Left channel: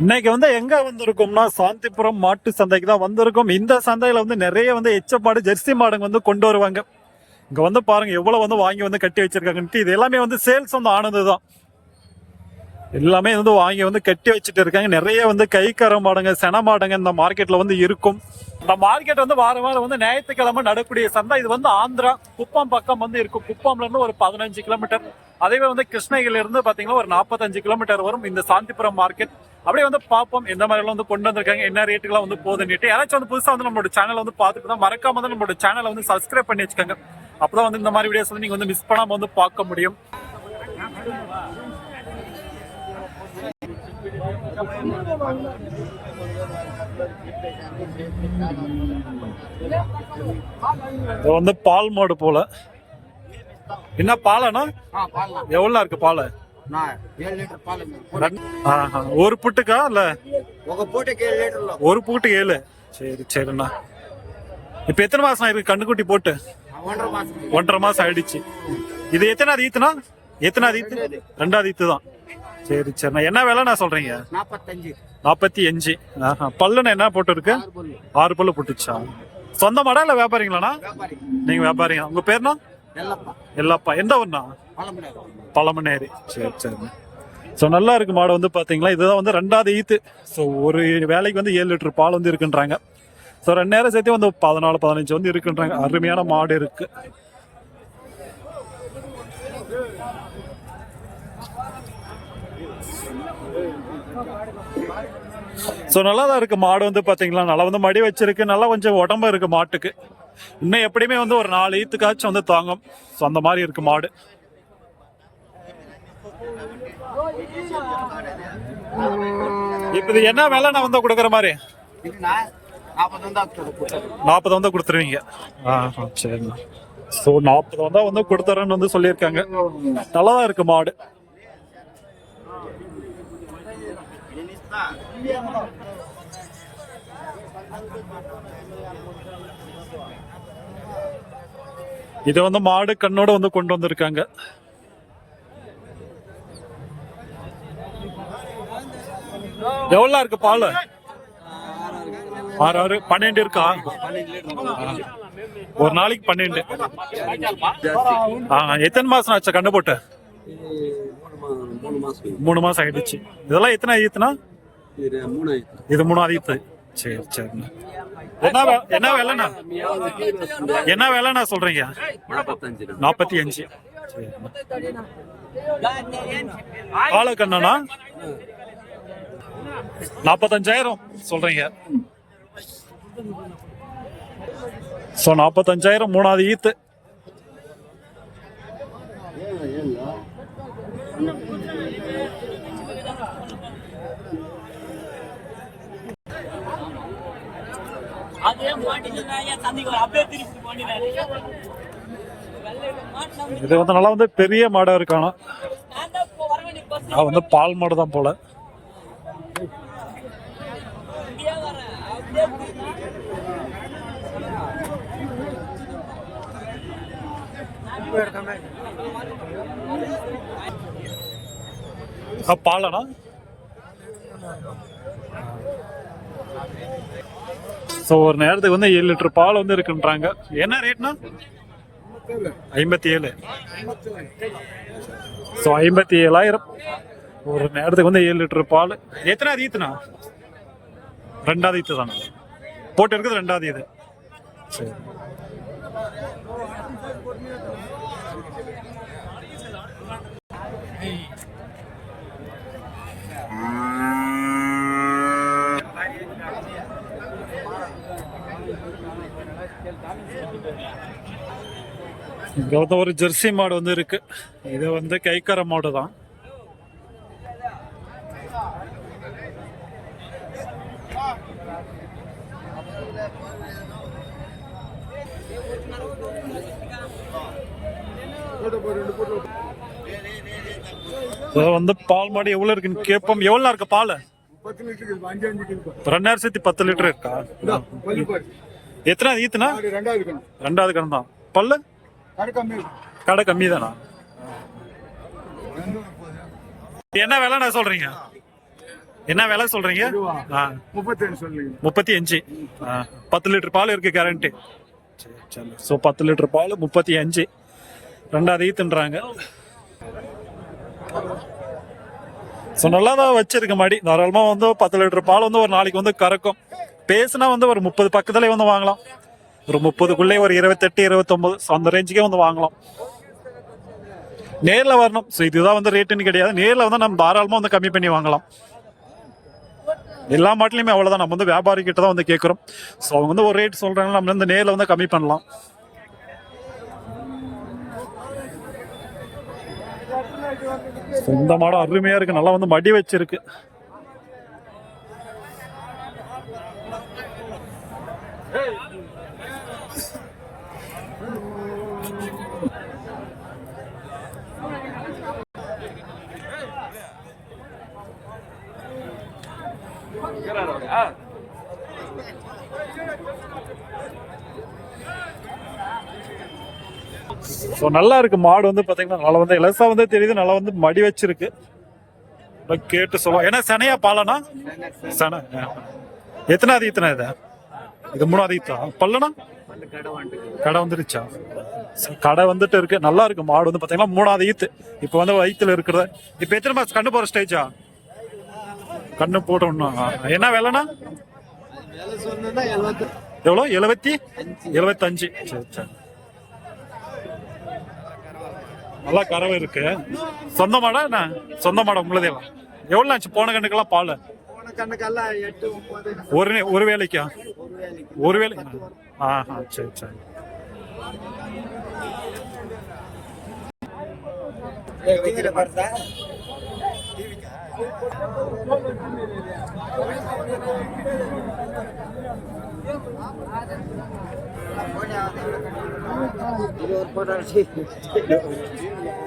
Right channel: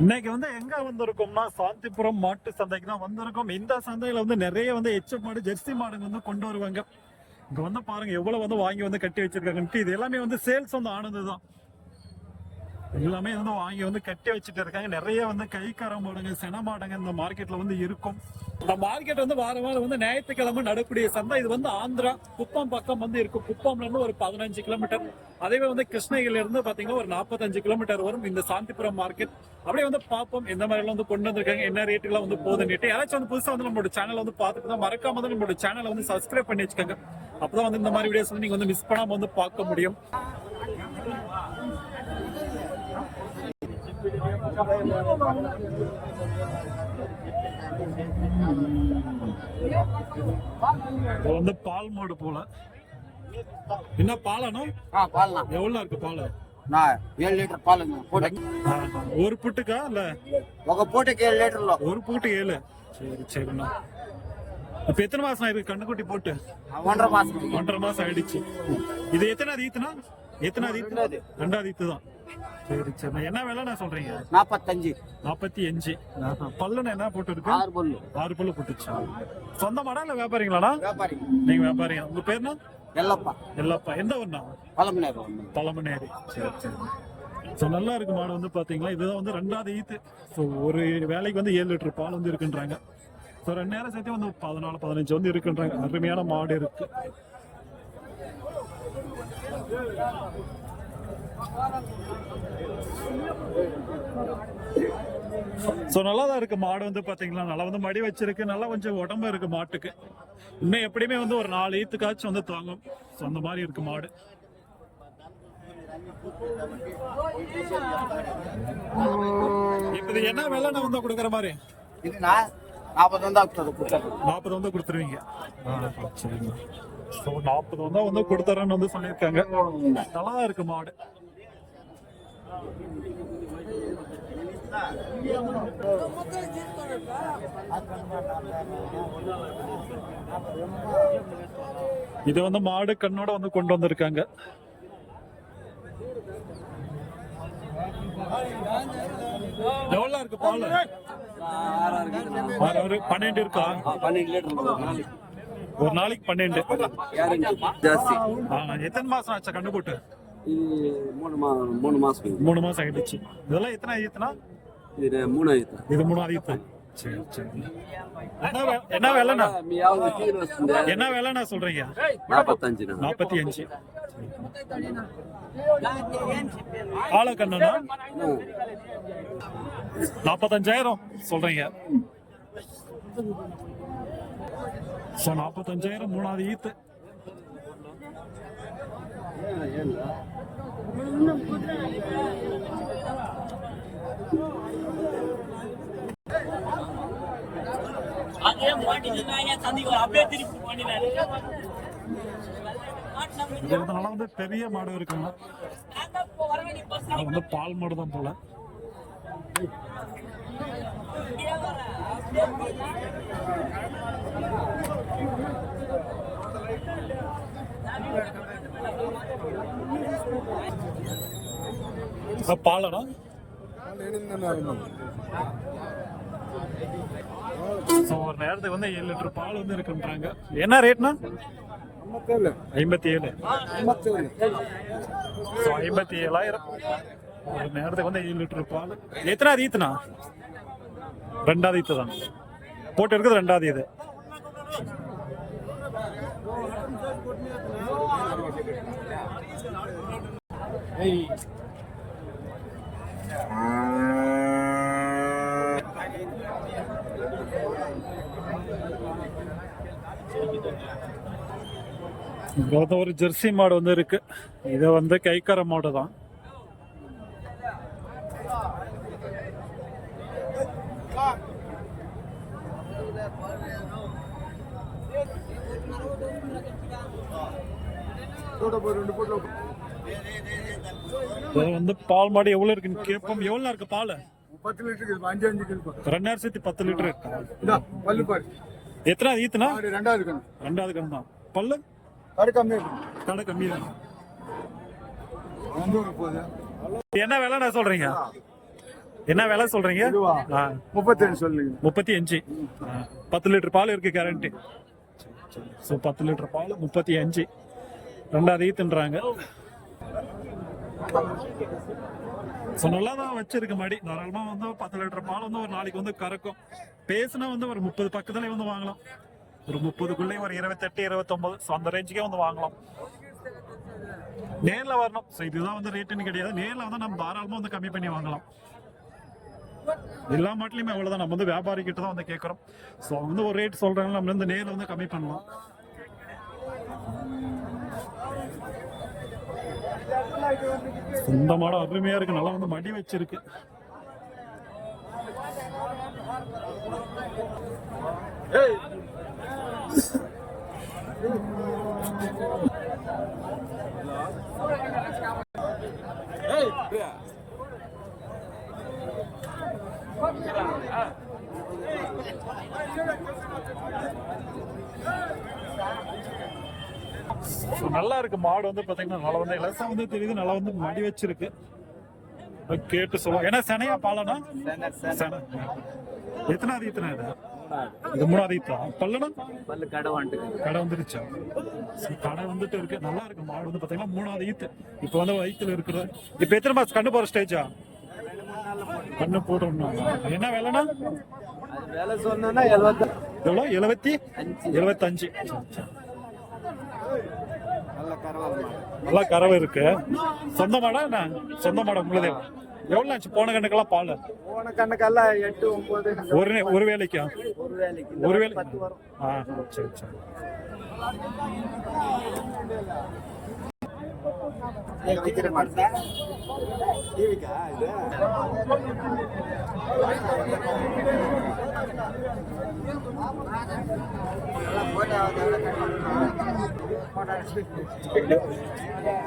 இன்னைக்கு வந்து எங்க வந்திருக்கோம்னா சாந்திபுரம் மாட்டு சந்தைக்கு தான் வந்திருக்கோம். இந்த சந்தையில வந்து நிறைய வந்து எச்ச மாடு ஜெர்சி மாடுங்க வந்து கொண்டு வருவாங்க. இங்க வந்து பாருங்க எவ்வளவு வந்து வாங்கி வந்து கட்டி வச்சிருக்காங்கன்ட்டு இது எல்லாமே வந்து சேல்ஸ் வந்து ஆனது தான் எல்லாமே வந்து வாங்கி வந்து கட்டி வச்சுட்டு இருக்காங்க. நிறைய வந்து கைக்கர மாடுங்க சென மாடுங்க இந்த மார்க்கெட்ல வந்து இருக்கும். இந்த மார்க்கெட் வந்து வாரம் வாரம் வந்து ஞாயிற்றுக்கிழமை நடக்கூடிய சந்தை. இது வந்து ஆந்திரா குப்பம் பக்கம் வந்து இருக்கும். குப்பம்ல இருந்து ஒரு பதினஞ்சு கிலோமீட்டர் அதேவே வந்து கிருஷ்ணகிரில இருந்து பாத்தீங்கன்னா ஒரு நாற்பத்தஞ்சு கிலோமீட்டர் வரும் இந்த சாந்திபுரம் மார்க்கெட் அப்படியே வந்து பார்ப்போம். எந்த மாதிரி எல்லாம் வந்து கொண்டு வந்திருக்காங்க என்ன ரேட்டுக்கெல்லாம் வந்து போகுதுன்னுட்டு. யாராச்சும் வந்து புதுசா வந்து நம்மளோட சேனல் வந்து பார்த்துட்டு தான் மறக்காம வந்து நம்மளோட சேனலை வந்து சப்ஸ்கிரைப் பண்ணி வச்சுக்கோங்க. அப்பதான் வந்து இந்த மாதிரி வீடியோஸ் வந்து நீங்க வந்து மிஸ் பண்ணாம வந்து பார்க்க முடியும். இது வந்து பால் மாடு போல. என்ன பாலண்ணா? எவ்வளோ இருக்கு பால்? ஒரு புட்டுக்கா இல்ல? ஒரு புட்டு ஏழு. சரி சரிண்ணா. இப்ப எத்தனை மாசம் இருக்கு கண்ணுக்குட்டி போட்டு? ஒன்றரை மாசம். ஆயிடுச்சு. இது எத்தனாவது ஈத்துனா எத்தனாவது ஈத்து? ரெண்டாவது. ஈத்து தான் சரி சரிண்ணா என்ன விலைண்ணா சொல்றீங்க? நாற்பத்தி அஞ்சு. பல்லுன்னு என்ன போட்டுருக்கு? ஆறு பல்லு. போட்டுச்சா? சொந்த மாடா இல்லை வியாபாரிங்களாண்ணா? நீங்கள் வியாபாரிங்க உங்கள் பேர்னா எல்லாப்பா. எந்த ஒன்றா பழமநேரி சரி சரி. ஸோ நல்லா இருக்கு மாடு வந்து பார்த்தீங்களா இதுதான் வந்து ரெண்டாவது ஈத்து. ஸோ ஒரு வேலைக்கு வந்து ஏழு லிட்டர் பால் வந்து இருக்குன்றாங்க. ஸோ ரெண்டு நேரம் சேர்த்து வந்து பதினாலு பதினஞ்சு வந்து இருக்குன்றாங்க. அருமையான மாடு இருக்குது ஸோ நல்லா தான் இருக்குது மாடு வந்து பார்த்தீங்களா நல்லா வந்து மடி வச்சிருக்கு. நல்லா கொஞ்சம் உடம்பு இருக்குது மாட்டுக்கு. இன்னும் எப்படியுமே வந்து ஒரு நாலு ஈத்துக்காச்சும் வந்து தாங்கும். ஸோ அந்த மாதிரி இருக்குது மாடு. இப்போ இது என்ன வேலை நான் வந்து கொடுக்குற மாதிரி? நாற்பது வந்து கொடுத்துருவீங்க. ஆ சரிண்ணா. ஸோ நாற்பது வந்தால் வந்து கொடுத்துறேன்னு வந்து சொல்லியிருக்காங்க. நல்லா தான் இருக்கு மாடு. இதை வந்து மாடு கண்ணோட வந்து கொண்டு வந்திருக்காங்க. எவ்வளோ இருக்கு பால்? ஆறு ஆறு பன்னெண்டு இருக்கா? ஒரு நாளைக்கு பன்னெண்டு. எத்தனை மாசம் ஆச்சு கண்ணு போட்டு? மூணு மாசம். ஆயிடுச்சு. இதெல்லாம் எத்தனை ஈத்துனா இது மூணு இது மூணாயிரத்து. சரி சரிண்ணா என்ன என்ன வேலைண்ணா? என்ன விலைண்ணா சொல்றீங்க? நாற்பத்தஞ்சு நாற்பத்தி அஞ்சு ஆளுக்கண்ணா நாற்பத்தஞ்சாயிரம் சொல்றீங்க. ஸோ நாற்பத்தஞ்சாயிரம் மூணாவது ஈத்து இன்னும் இது வந்து நல்லா வந்து பெரிய மாடா இருக்கானா? அது வந்து பால் மாடு தான் போல. பாலனா ஸோ ஒரு நேரத்துக்கு வந்து ஏழு லிட்டர் பால் வந்து இருக்குன்றாங்க. என்ன ரேட்னா? ஐம்பத்தி ஏழு ஸோ ஐம்பத்தி ஏழாயிரம் ஒரு நேரத்துக்கு வந்து ஏழு லிட்டர் பால். எத்தனாவது ஈத்துனா? ரெண்டாவது ஈத்து தானே. போட்டு இருக்குது ரெண்டாவது இது. சரி. இங்க வந்து ஒரு ஜெர்சி மாடு வந்து இருக்கு. இது வந்து கைக்கர மாடு தான். வந்து பால் மாடு எவ்வளவு இருக்குன்னு கேட்போம். எவ்வளவு இருக்கு பால்? பத்து லிட்டருக்கு அஞ்சு சேர்த்து பத்து லிட்டர் இருக்கா? எத்தனாவது ஈத்துனா? ரெண்டாவது கண் ரெண்டாவது கடன் தான். பல்லு? கடை கம்மி. கடை கம்மி தானா? என்ன விலை நான் சொல்றீங்க? என்ன விலை சொல்றீங்க? முப்பத்தேழு சொல்லுங்க. முப்பத்தி அஞ்சு பத்து லிட்டர் பால் இருக்கு கேரண்டி ஸோ பத்து லிட்டர் பால் முப்பத்தி அஞ்சு ரெண்டாவது ஈத்துன்றாங்க ஸோ நல்லா தான் வச்சிருக்க மாடி. தாராளமாக வந்து பத்து லிட்டர் பால் வந்து ஒரு நாளைக்கு வந்து கறக்கும். பேசுனா வந்து ஒரு முப்பது பக்கத்துலேயே வந்து வாங்கலாம். ஒரு முப்பதுக்குள்ளே ஒரு இருபத்தெட்டு இருபத்தொம்பது. ஸோ அந்த ரேஞ்சுக்கே வந்து வாங்கலாம். நேரில் வரணும். ஸோ இதுதான் வந்து ரேட்டுன்னு கிடையாது. நேரில் வந்து நம்ம தாராளமாக வந்து கம்மி பண்ணி வாங்கலாம். எல்லா மாட்டிலையுமே அவ்வளோதான் நம்ம வந்து வியாபாரி கிட்ட தான் வந்து கேட்குறோம் ஸோ அவங்க வந்து ஒரு ரேட் சொல்கிறாங்க நம்ம வந்து நேரில் வந்து கம்மி பண்ணலாம். இந்த மாடம் அருமையாக இருக்குது நல்லா வந்து மடி வச்சிருக்கு. ஸோ நல்லா இருக்கு. மாடு வந்து பாத்தீங்கன்னா நல்லா வந்து இலசா வந்து தெரியுது. நல்லா வந்து மடி வச்சிருக்கு. கேட்டு சொல்லுவோம் ஏன்னா சனையா பாலனா? சனை எத்தனாவது ஈத்தனா இது? இது மூணாவது ஈத்தா பல்லனா? பல்லு கடை வந்துருச்சா? கடை வந்துட்டு இருக்கு. நல்லா இருக்கு. மாடு வந்து பாத்தீங்கன்னா மூணாவது ஈத்து இப்போ வந்து வயித்துல இருக்கிறது இப்போ எத்தனை மாசம் கண்ணு போற ஸ்டேஜா கண்ணு போட்டோம்னா என்ன விலைனா? அது எவ்வளோ? எழுபத்தி எழுபத்தஞ்சு சரி சரி. நல்லா கறவை இருக்கு. சொந்த மாடா என்ன? சொந்த மாடா உங்களுதேவா? எவ்வளோ ஆச்சு போன கண்ணுக்கெல்லாம் பால்? போன கண்ணுக்கெல்லாம் எட்டு ஒன்பது. ஒரு ஒரு வேலைக்கா? ஒரு வேலை ஆ சரி சரி.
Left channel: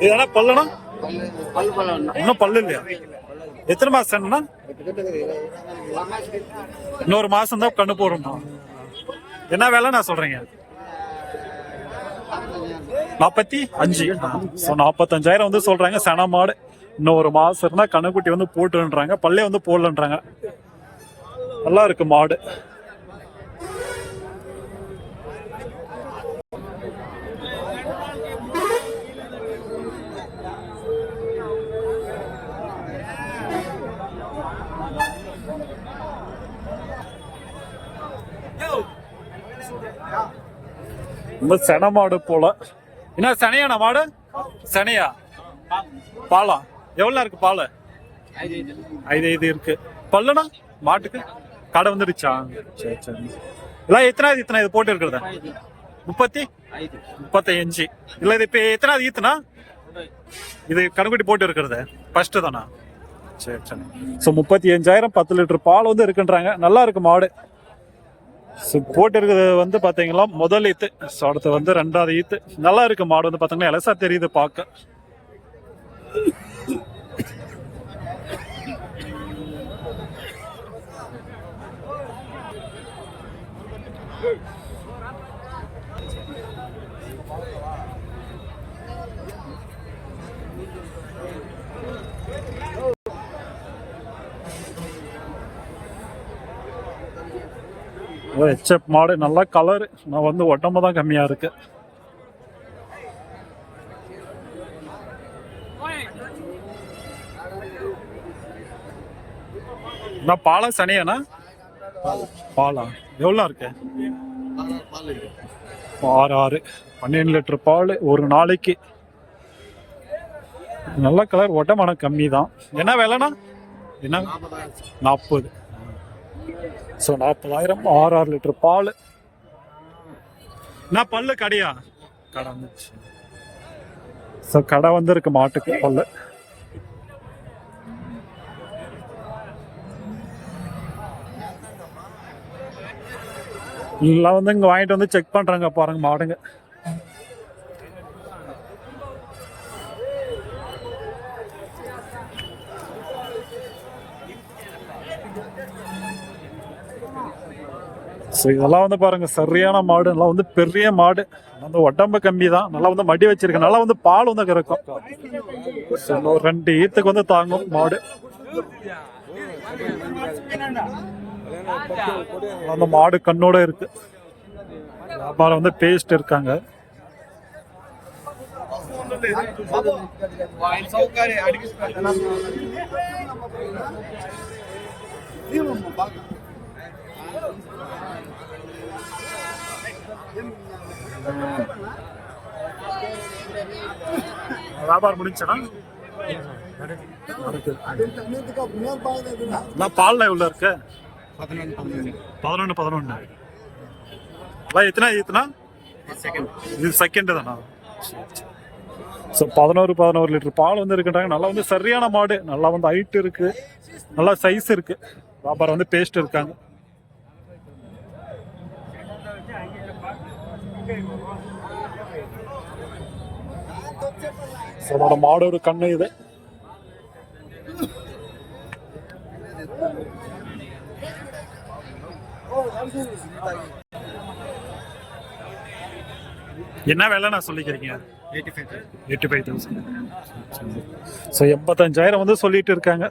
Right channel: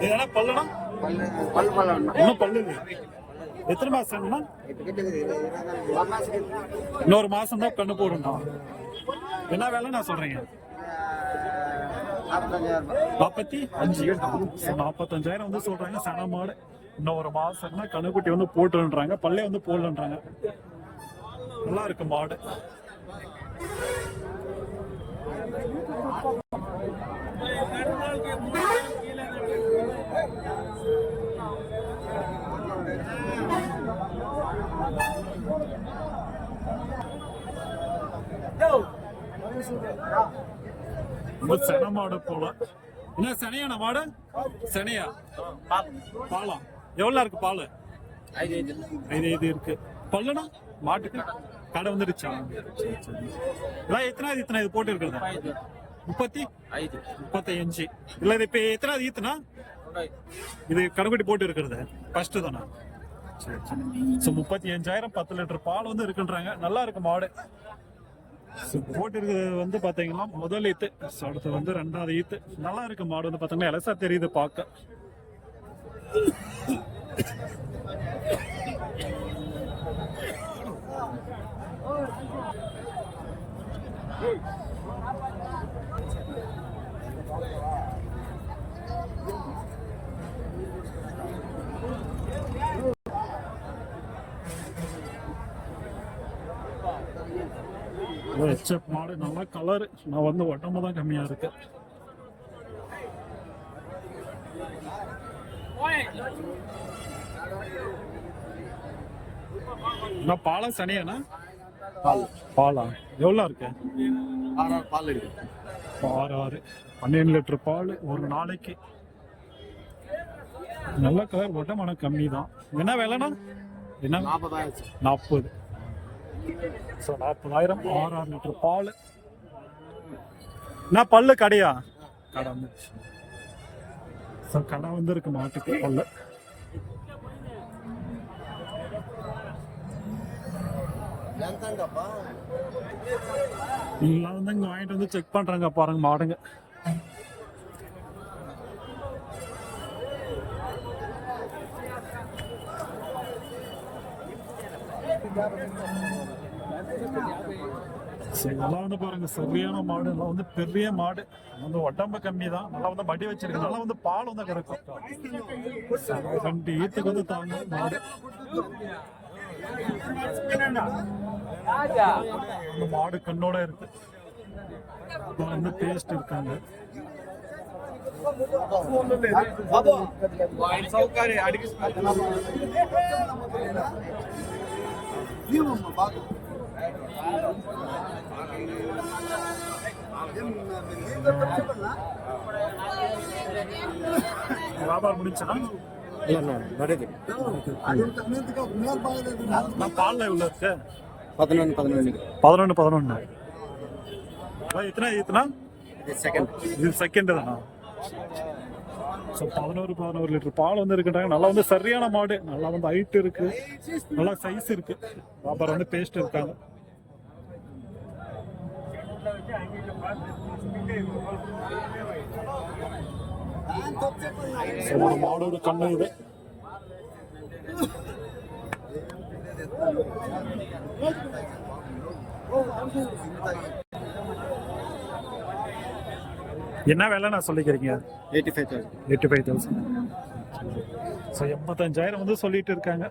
இதெல்லாம் பல்லுனா பல்லு பல்லு பல்லு இன்னும் பல்லு இல்லையா? எத்தனை மாசம்னா இன்னொரு மாசம் தான் கண்ணு போடணும் என்ன வேலை நான் சொல்றீங்க? நாற்பத்தி அஞ்சு. ஸோ நாற்பத்தஞ்சாயிரம் வந்து சொல்றாங்க. சன மாடு. இன்னும் ஒரு மாசம் இருந்தா கண்ணுக்குட்டி வந்து போட்டுன்றாங்க. பல்லே வந்து போடலன்றாங்க. நல்லா இருக்கு மாடு. ரொம்ப சென மாடு போல. என்ன சனையாண்ணா மாடு? சனையா? பாலா? எவ்வளோ இருக்கு பால்? ஐது ஐது இருக்கு. பல்லுனா மாட்டுக்கு? கடை வந்துடுச்சா? சரி சரி. எல்லாம் எத்தனாவது இத்தனை இது போட்டு இருக்கிறதா? முப்பத்தி? முப்பத்தஞ்சு. இல்ல இது இப்ப எத்தனாவது ஈத்துனா? இது கணக்குட்டி போட்டு இருக்கிறது. ஃபர்ஸ்ட் தானா? சரி சரி. ஸோ முப்பத்தி அஞ்சாயிரம் பத்து லிட்டர் பால் வந்து இருக்குன்றாங்க. நல்லா இருக்கு மாடு. போட்டிருக்கிறது போட்டு இருக்கிறது வந்து பார்த்தீங்களா முதல் ஈத்து ஸோ அடுத்து வந்து ரெண்டாவது ஈத்து நல்லா இருக்கு மாடு வந்து பார்த்தீங்கன்னா எலசா தெரியுது பார்க்க. ஹெச்எப் மாடு நல்லா கலர் நான் வந்து உடம்பு தான் கம்மியாக இருக்கு. நான் பாலா சனியாண்ணா? பாலா. எவ்வளோ இருக்கு? ஆறு ஆறு. பன்னெண்டு லிட்டர் பால் ஒரு நாளைக்கு. நல்ல கலர் ஒட்டமான கம்மி தான் என்ன விலைண்ணா? என்ன? நாற்பது. ஸோ நாற்பதாயிரம் ஆறு ஆறு லிட்டர் பால். நான் பல்லு கடையா? கடை வந்துச்சு ஸோ கடை வந்திருக்கு மாட்டுக்கு பல்லு. எல்லாம் வந்து இங்கே வாங்கிட்டு வந்து செக் பண்ணுறாங்க பாருங்க மாடுங்க. ஸோ இதெல்லாம் வந்து பாருங்கள் சரியான மாடு. நல்லா வந்து பெரிய மாடு. வந்து உடம்பு கம்மி தான். நல்லா வந்து மடி வச்சிருக்கு. நல்லா வந்து பால் வந்து கறக்கும். ஸோ ரெண்டு ஈத்துக்கு வந்து தாங்கும் மாடு. அந்த மாடு கண்ணோட இருக்கு. வியாபாரம் வந்து பேஸ்ட் இருக்காங்க. வியாபாரம் முடிஞ்சனா பால்ல உள்ள இருக்கு பதினொன்று பதினொன்று பதினொன்று பதினொன்று அதான் எத்தனா செகண்ட் இது செகண்ட் தானா? ஸோ பதினோரு பதினோரு லிட்டர் பால் வந்து இருக்குன்றாங்க. நல்லா வந்து சரியான மாடு. நல்லா வந்து ஹைட் இருக்கு. நல்லா சைஸ் இருக்கு. வியாபாரம் வந்து பேஸ்ட் இருக்காங்க. ஸோ என்னோட மாடோட கண்ணு இது. என்ன வேலை நான் சொல்லிக்கிறீங்க? Eighty five eighty five thousand so எண்பத்தஞ்சாயிரம் வந்து சொல்லிட்டு இருக்காங்க.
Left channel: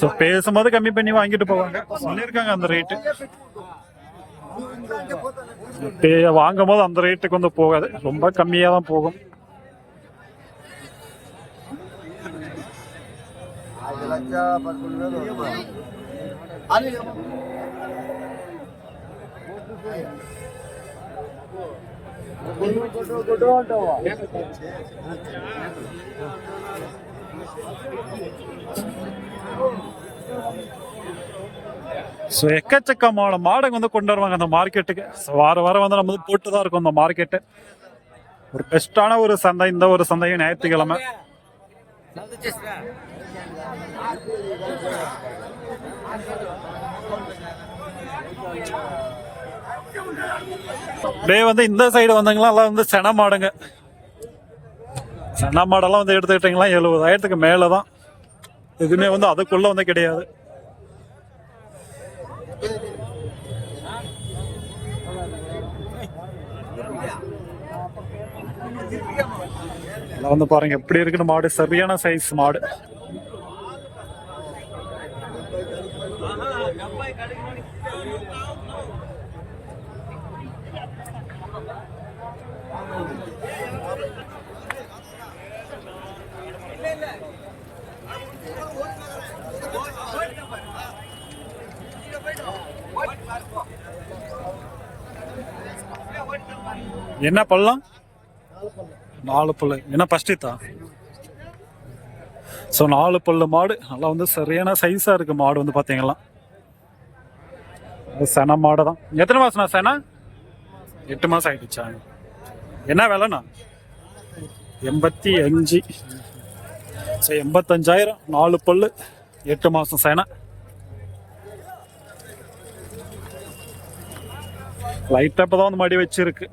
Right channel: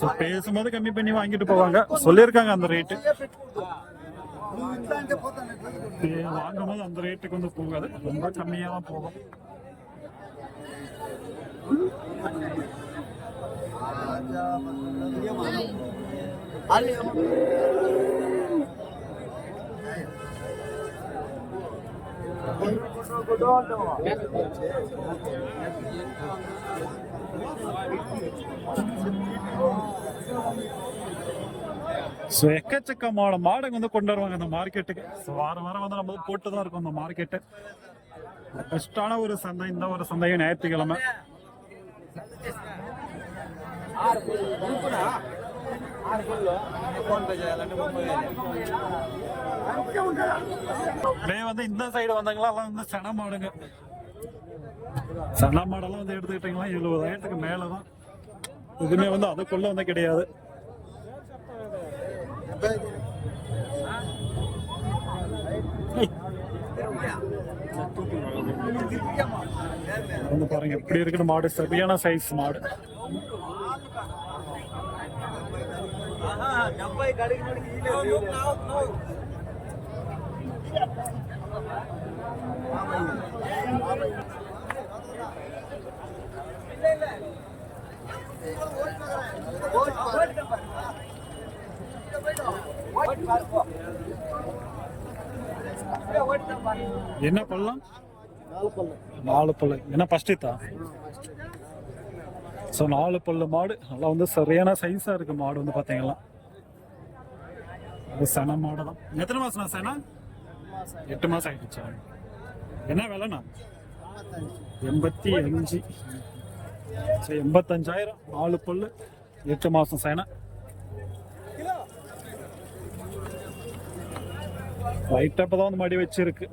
ஸோ பேசும்போது கம்மி பண்ணி வாங்கிட்டு போவாங்க. சொல்லியிருக்காங்க அந்த ரேட்டு பே வாங்கும் போது அந்த ரேட்டுக்கு வந்து போகாது. ரொம்ப கம்மியாக தான் போகும். ஸோ எக்கச்சக்கமான மாடுங்க வந்து கொண்டு வருவாங்க அந்த மார்க்கெட்டுக்கு. ஸோ வார வாரம் வந்து நம்ம வந்து போட்டு தான் இருக்கும் அந்த மார்க்கெட்டு. ஒரு பெஸ்ட்டான ஒரு சந்தை இந்த ஒரு சந்தையும் ஞாயிற்றுக்கிழமை. அப்படியே வந்து இந்த சைடு வந்தவங்களாம் எல்லாம் வந்து சென மாடுங்க. சென மாடெல்லாம் வந்து எடுத்துக்கிட்டிங்களா எழுபதாயிரத்துக்கு மேலே தான் எதுவுமே வந்து அதுக்குள்ளே வந்து கிடையாது. வந்து பாருங்க எப்படி இருக்குன்னு மாடு. சரியான சைஸ் மாடு. என்ன பள்ளம்? நாலு பல்லு. என்ன பஸ்டித்தா தான் ஸோ நாலு பல்லு மாடு. நல்லா வந்து சரியான சைஸாக இருக்கு மாடு வந்து பார்த்தீங்களா அது சென மாடு தான் எத்தனை மாசம்ண்ணா சென? எட்டு மாதம் ஆயிடுச்சா? என்ன விலைண்ணா? எண்பத்தி அஞ்சு. சரி எண்பத்தஞ்சாயிரம். நாலு பல்லு எட்டு மாதம் சேனா. லைட்டாக இப்போ தான் வந்து மடி வச்சிருக்கு.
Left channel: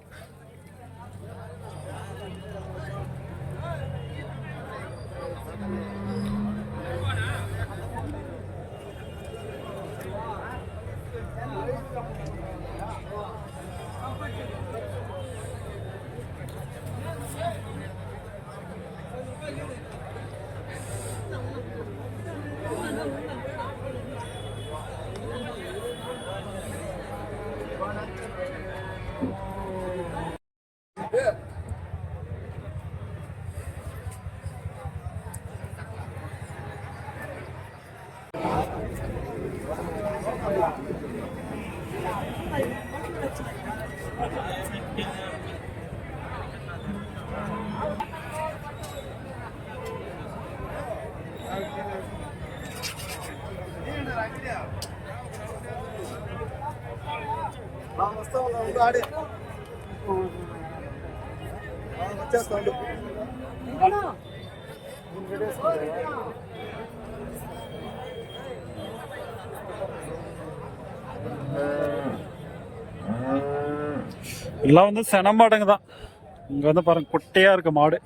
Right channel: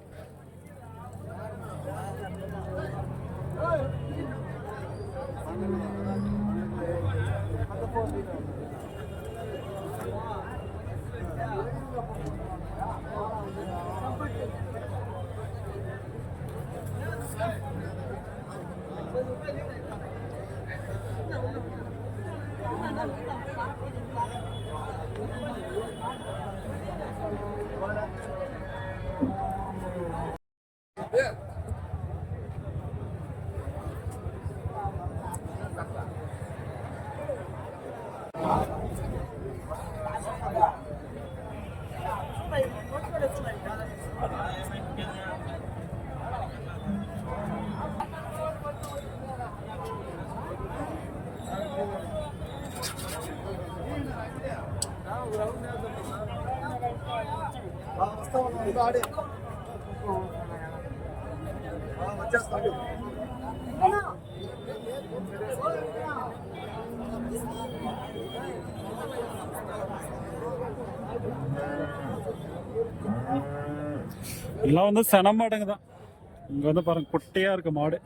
எல்லாம் வந்து சென மாடுங்க தான் இங்க வந்து பாருங்க குட்டையா இருக்கு மாடு.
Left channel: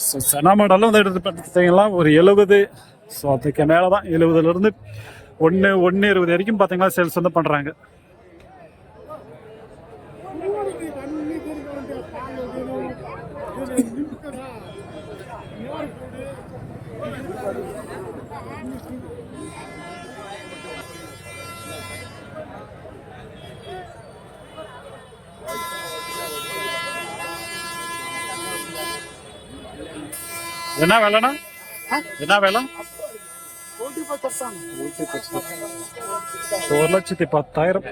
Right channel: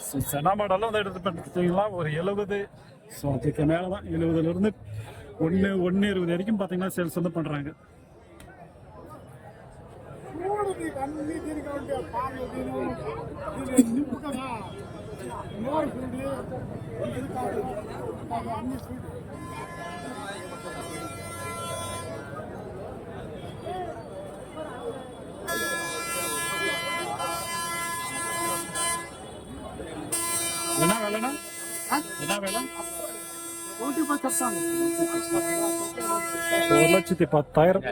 ஸோ செனா மாடலும் வந்து எடுத்து பார்த்தீங்கன்னா ஒரு எழுபது ஸோ அதுக்கு மேலே தான் எழுபதுலேருந்து ஒன்று ஒன்று இருபது வரைக்கும் பார்த்தீங்கன்னா சேல்ஸ் வந்து பண்ணுறாங்க என்ன வேலைண்ணா? என்ன வேலை? ஒரு லட்சத்தி பத்தாயிரம்.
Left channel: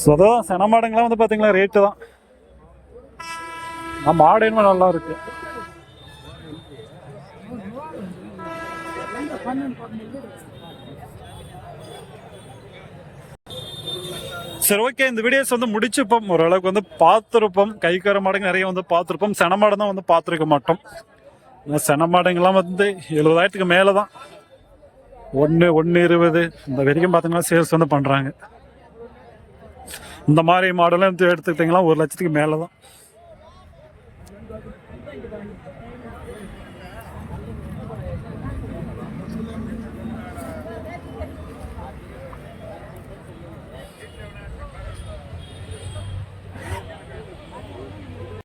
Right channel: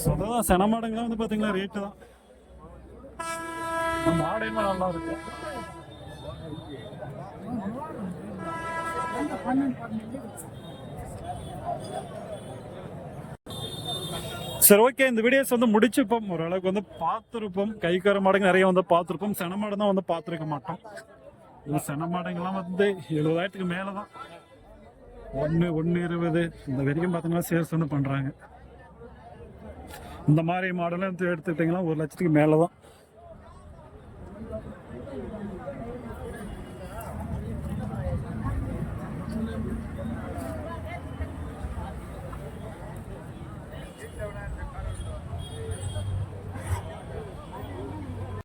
சுதம் சென மாடுங்களாம் வந்து பார்த்தீங்களா ரேட்டு தான். மாடு என்ன நல்லா இருக்கு. Thank you. சரி ஓகே இந்த வீடியோஸ் வந்து முடிச்சுப்போம் ஓரளவுக்கு வந்து பார்த்துருப்போம். கைக்கார மாடுங்க நிறைய வந்து பார்த்துருப்போம். சென தான் வந்து பார்த்துருக்க மாட்டோம். செனமாடுங்கெல்லாம் சென வந்து எழுபதாயிரத்துக்கு மேலே தான் ஒன்று ஒன்று இருபது. இந்த வரைக்கும் பார்த்தீங்கன்னா சேல்ஸ் வந்து பண்ணுறாங்க இந்த மாதிரி மாடலாம் எடுத்துக்கிட்டிங்கன்னா ஒரு லட்சத்துக்கு மேலே தான்